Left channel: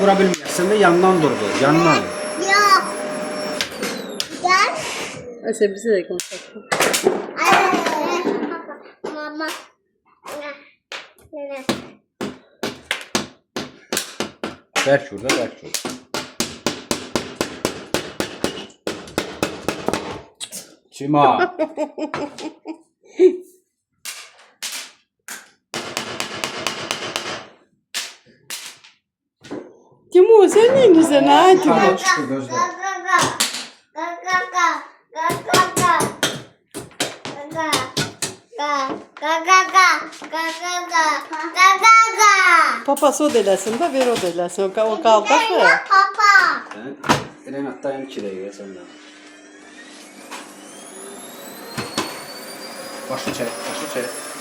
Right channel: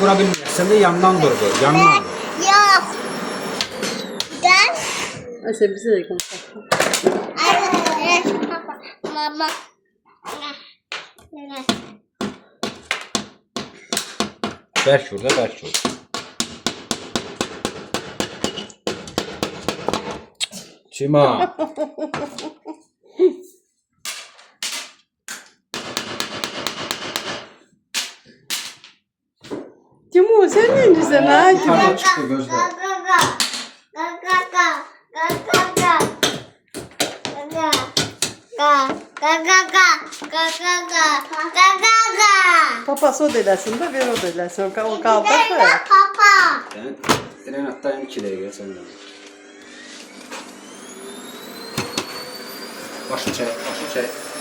Vura bilmirsən də yandan dur bu, yandan. Yok. Gel. Ayşe bize de konuşalım. Papa. Mama. Ne? Bərk vur da, bərk vur. Çima. Timur sen ne güzel ha Timur. Yukarıdan çıktı gözler. Papası o deləsin də, ver o deləsin. O qaldı ki. Papa. Sen Renat'tan 2 dəqiqə səndən. Başı çək, başı çək.